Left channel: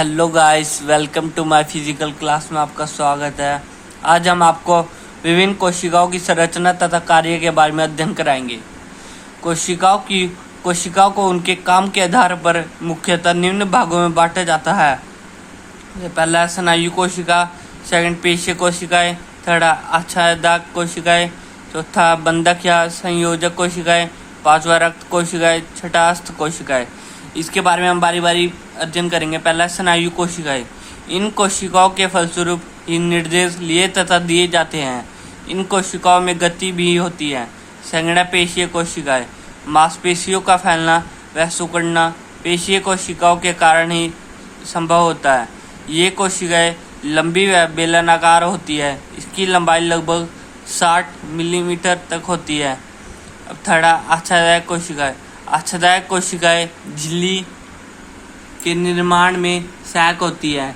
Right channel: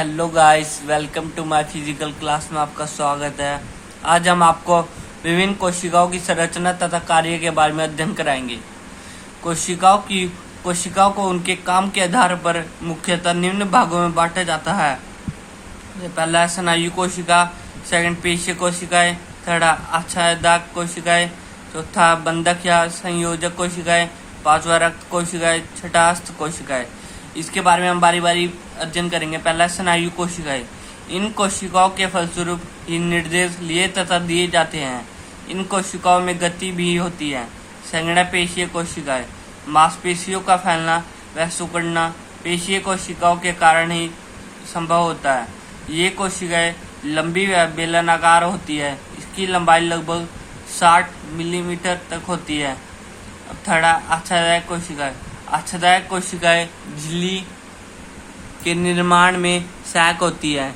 Hello guys, welcome to my physical class में आपका स्वागत है। आज हम आपको विभिन्न कोशिकाओं की संरचना तथा कार्य के बारे में अध्ययन कराएंगे। कोशिकाओं को उनके काम के आधार पर मुख्यतः निम्न भागों में बांटा जाता है। पहला है स्नायु कोशिका, सेकंड पेशीय कोशिकाएं, थर्ड आच्छादक कोशिकाएं, चौथा बंधक या संयोजक कोशिकाएं, पांचवा रक्त कोशिकाएं, छठा अस्त कोशिकाएं। इसके बारे में हम बारी बारी अध्ययन करेंगे। पहला स्नायु कोशिकाएं। इन कोशिकाओं के फलस्वरूप ही निर्देश लिए तथा दिए जाते हैं। इन कोशिकाओं में गति भी होती है। सेकंड है पेशीय कोशिकाएं। मांसपेशियों का फैलना व सिकुड़ना पेशीय कोशिकाओं के कारण ही संभव होता है। ये कोशिकाएं लंबी व बेलनाकार होती है। इसकी लंबाई लगभग 60 मिलीमीटर तक होती है। अब थर्ड आच्छादक कोशिकाएं। आच्छादक कोशिकाएं झिल्ली के निर्माण में सहायक होती है।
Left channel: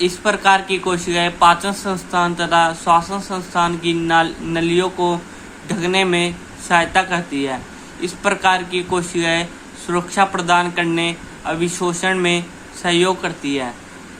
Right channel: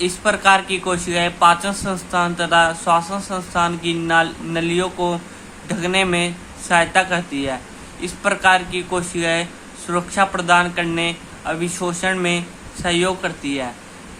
इस प्रकार की कोशिकाएं पाचन संस्थान तथा श्वसन संस्थान की नलियों को ढकने में सहायता करती है। इस प्रकार की कोशिकाएं सुरक्षा प्रदान करने अभिशोषण में सहयोग करती है।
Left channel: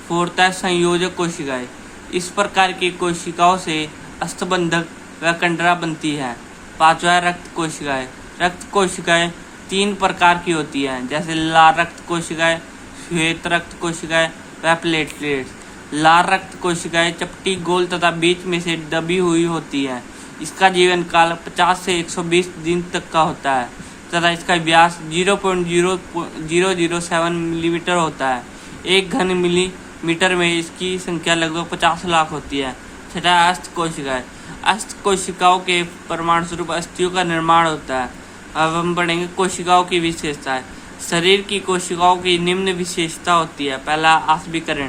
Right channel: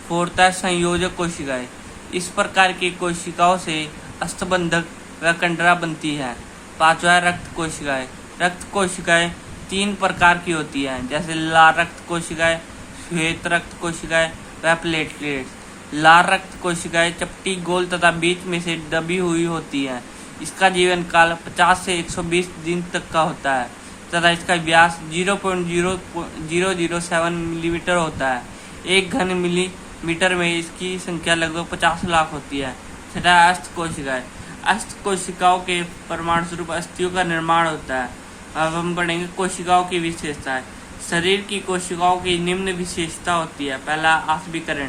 फोर्थ है संयोजक कोशिकाएं। इस प्रकार की कोशिकाओं से अस्थबंधक व कंडरा बनती है। पांचवा है रक्त कोशिकाएं। रक्त कोशिकाएं 3 प्रकार की होती हैं, जैसे लाल रक्त कोशिकाएं, श्वेत रक्त कोशिकाएं व प्लेटलेट्स। लाल रक्त कोशिकाएं चपटी, गोल तथा बीच में से दबी हुई होती है। इसका जीवन काल 50 से 120 दिन तक का होता है तथा इसका व्यास 0.0007 मिलीमीटर होता है। 1 घन मिलीमीटर में इसकी संख्या लगभग 50 लाख होती है। छठा अस्त कोशिकाएं। अस्त कोशिकाओं के परिमाण स्वरूप अस्थियों का निर्माण होता है। अब हम पढ़ेंगे कोशिकाओं की विशेषताएं। शरीर की कोशिकाओं की निम्न विशेषता होती है। पहला आसबीकरण।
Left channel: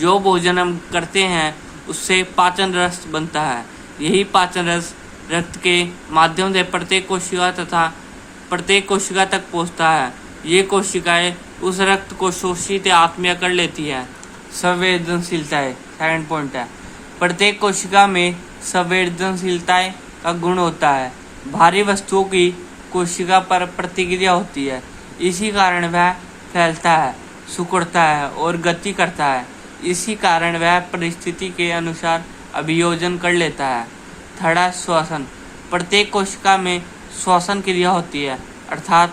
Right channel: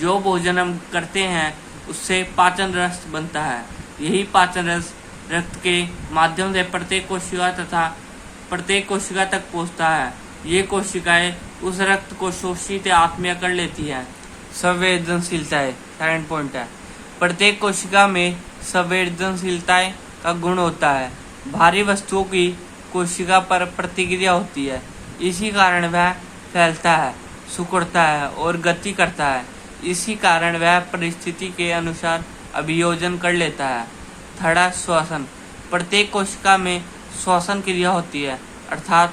जो भोजन हम करते हैं उससे पाचन रस बनता है। यही पाचन रस रक्त के माध्यम से प्रत्येक कोशिका तक पहुंचता है। ये कोशिकाएं उस रक्त को शोषित या आत्मीय कर लेती है। संवेदनशीलताएं सेकंड पॉइंट है। प्रत्येक कोशिका में संवेदनशीलताएं का गुण होता है। भारी वस्तुओं की कोशिका पर प्रतिक्रिया होती है। इसी कारण वह फैलता है, सिकुड़ता है और गति करता है। इसी कारण वह परिस्थिति के अनुसार अभियोजन कर लेता है। थर्ड श्वसन। प्रत्येक कोशिका में श्वसन क्रिया होती है, अर्थात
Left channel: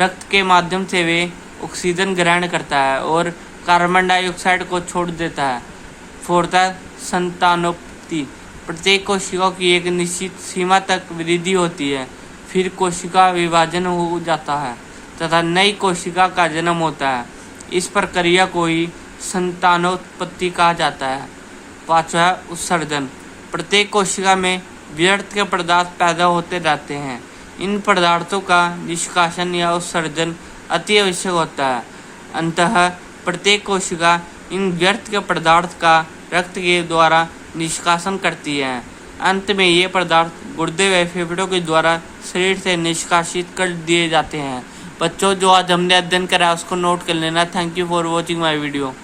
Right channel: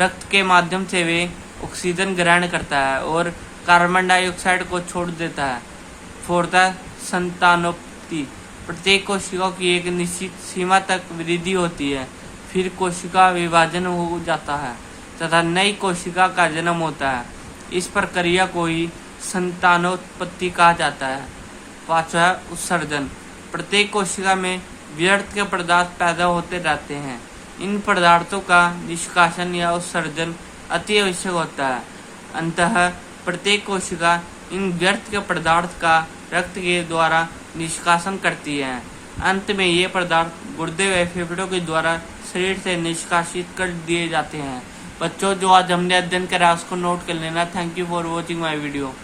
रक्त के माध्यम से वे ऑक्सीजन ग्रहण करता है और कार्बन डाइऑक्साइड को छोड़ देता है। फोर्थ संतानोत्पत्ति। प्रत्येक कोशिका की एक निश्चित सीमा तक वृद्धि होती है, फिर कोशिका विभाजन हो जाता है तथा नई कोशिका का जन्म होता है। इस प्रक्रिया को ही संतानोत्पत्ति कहा जाता है। पांचवा उत्सर्जन। प्रत्येक कोशिका में व्यर्थ के पदार्थ पैदा होते रहते हैं। इन पदार्थों का निष्कासन या उत्सर्जन अति आवश्यक होता है। अंततः प्रत्येक कोशिका इन व्यर्थ के पदार्थ का रक्त के द्वारा निष्कासन करती है। अंत में ये पदार्थ गुर्दे व फेफड़ों के द्वारा शरीर से निष्कासित कर दिए जाते हैं। बच्चों, जो आज हमने अध्ययन करा उसको नोट कर लेना। Thank you for watching my video.